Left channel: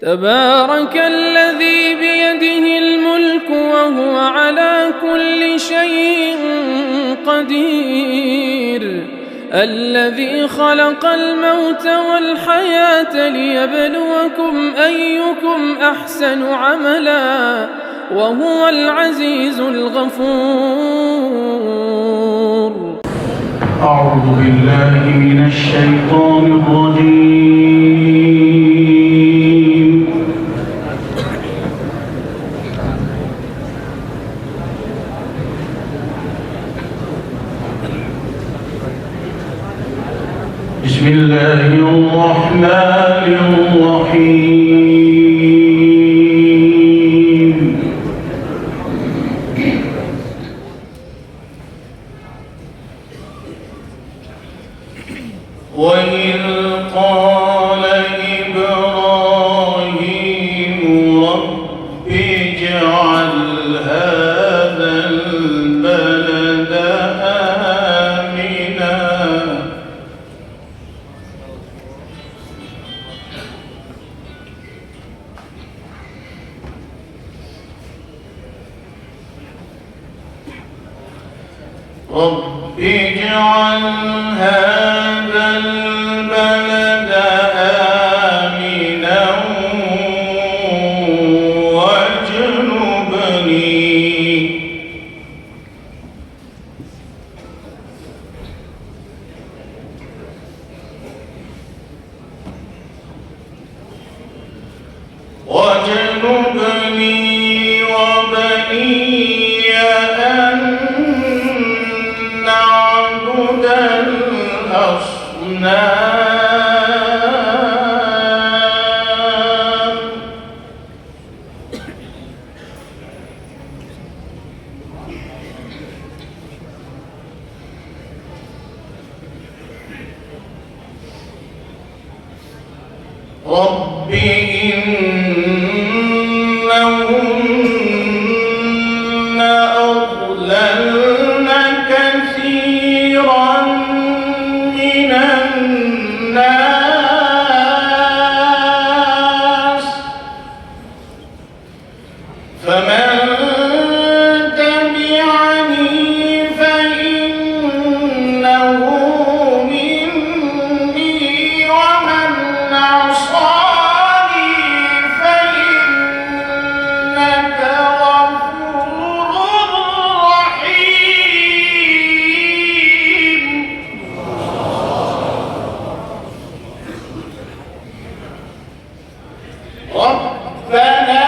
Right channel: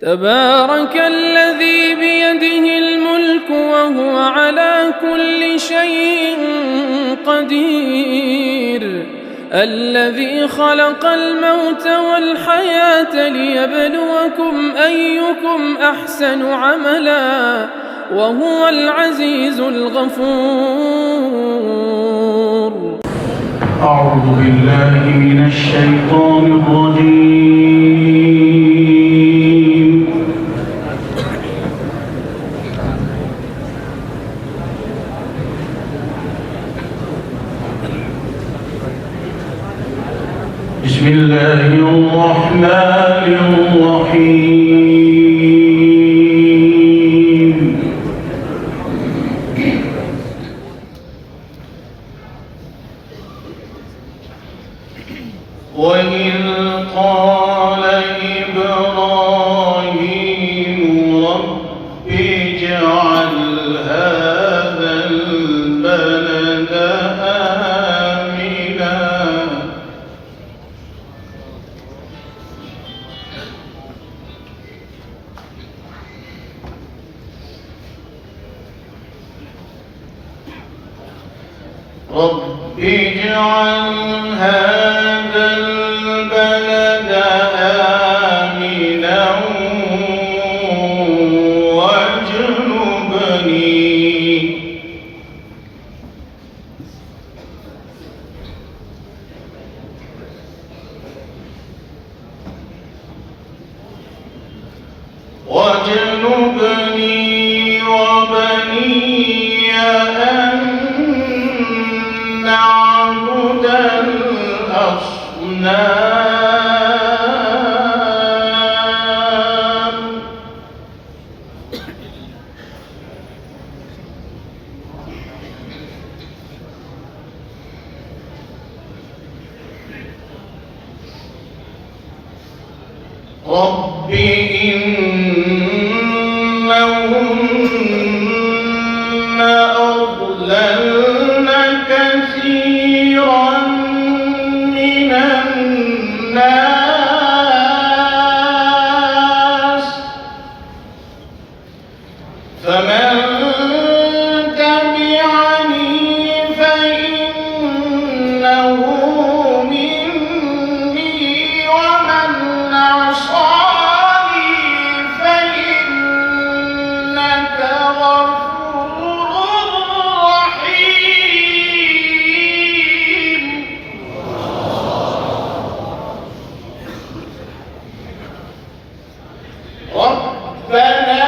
تبارك الذي بيده الملك وهو على كل شيء قدير، الذي خلق الموت والحياة ليبلوكم أيكم أحسن عملا وهو العزيز الغفور. أعوذ بالله من الشيطان الرجيم. بسم الله الرحمن الرحيم. وإذ قال إبراهيم رب اجعل هذا البلد آمنا رب اجعل هذا البلد آمنا واجنبني وبني أن نعبد الأصنام رب إنهن أضللن كثيرا من الناس فمن تبعني فإنه مني ومن عصاني فإنك غفور رحيم. ربنا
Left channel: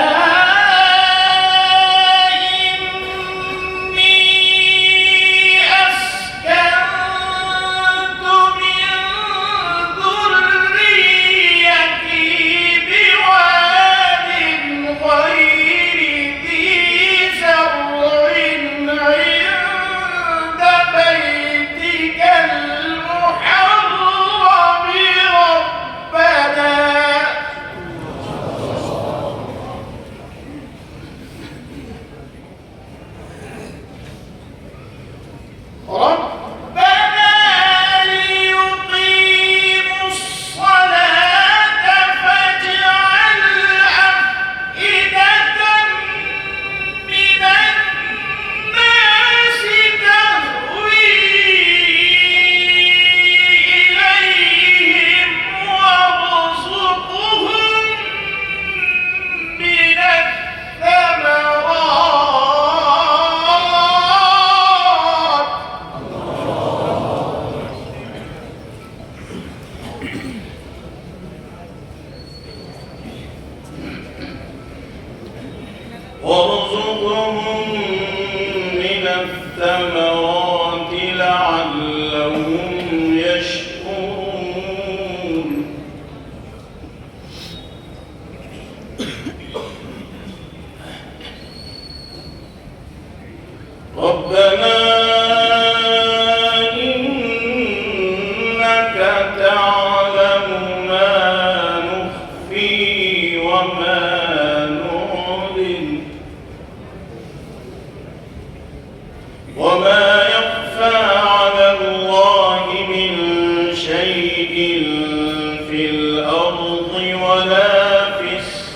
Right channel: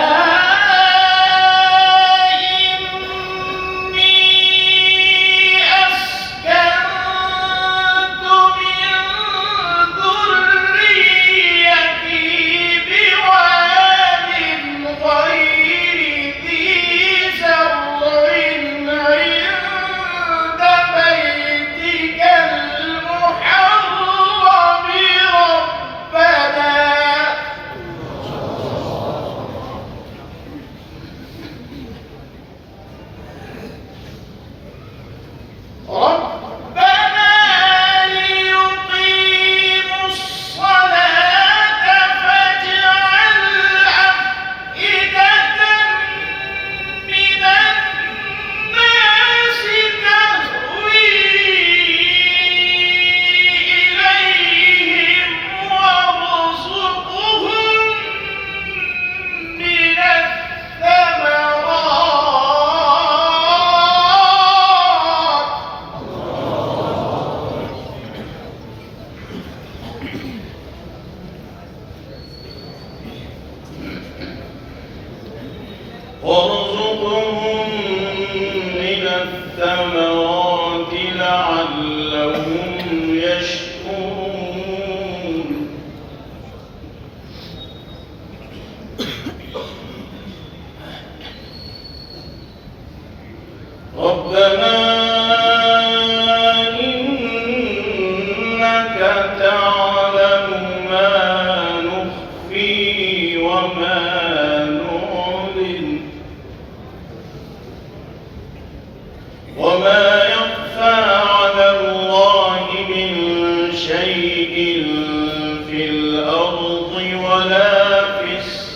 وارزقهم من الثمرات لعلهم يشكرون. ربنا إنك تعلم ما نخفي وما وما يخفى على الله من شيء في الأرض ولا في السماء.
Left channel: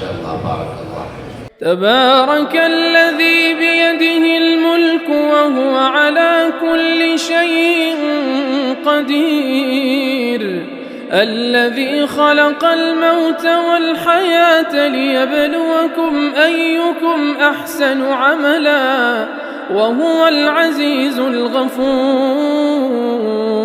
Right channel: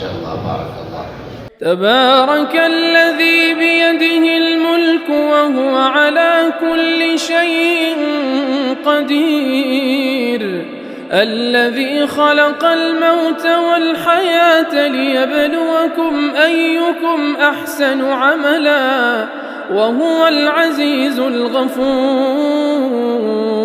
شاء الله بارك الله. تبارك الذي بيده الملك وهو على كل شيء قدير، الذي خلق الموت والحياة ليبلوكم أيكم أحسن عملا وهو العزيز الغفور.